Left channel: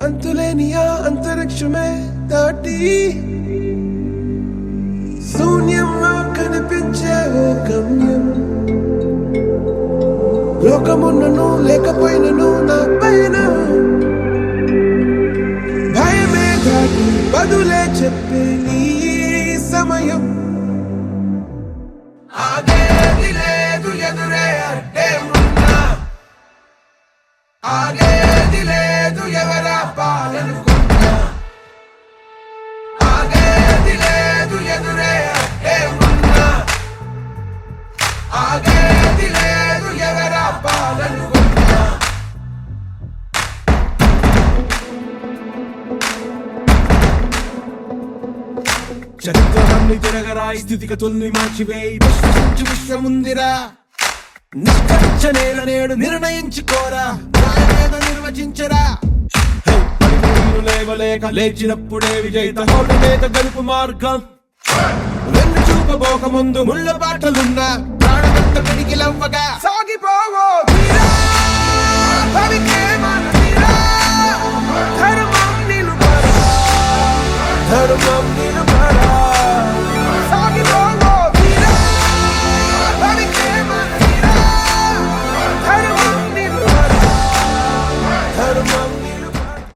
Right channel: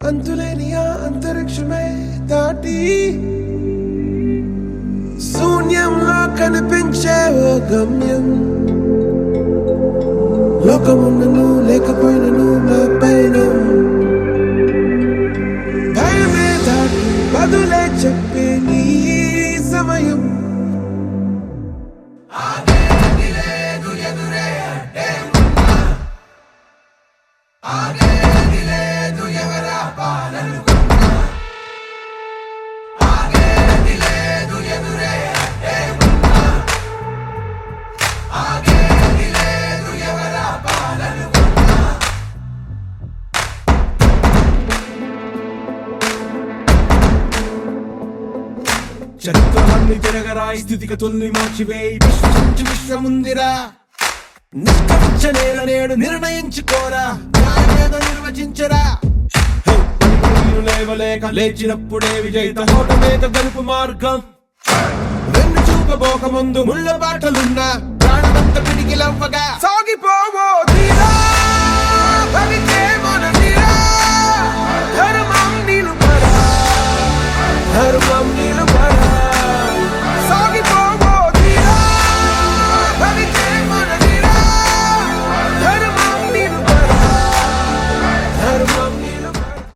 అంతులేని ఆ అంతరిక్షమే దాటి శూన్యంలో కనిపించే ఓ గమ్యం. లోకమున్నను లేకపోయినను నా పైన భయమే దాటి బదులే చెప్పే నీ సమయం. ఆగేది లేదు ఎదురే అంటే ఉన్నా, ఆగేది లేదు ఎవరా పాలనుకున్నా, ఆగేది లేదు ఎదురే అంటే ఉన్నా, ఆగేది లేదు ఎవరా పాలనుకున్నా. చరిత్రలన్నీ తిరగరాయి, స్థితిగతుల్ని మార్చివేయి, విశ్వసించి విశ్వముందిరా. నిష్కరించ నేడు నిర్ణయించుకోరా, న్యాయమేదో నిర్వచించరా. పడిపోయిను లేవలేక లేచినప్పుడే విజయిత హోటమేక గెలుపు మార్గం. వెన్ను చూపబోక ముందు ముళ్ళ బాటలున్నా ప్రాణమంత పిడికిలవ్వగా సాగిపోవో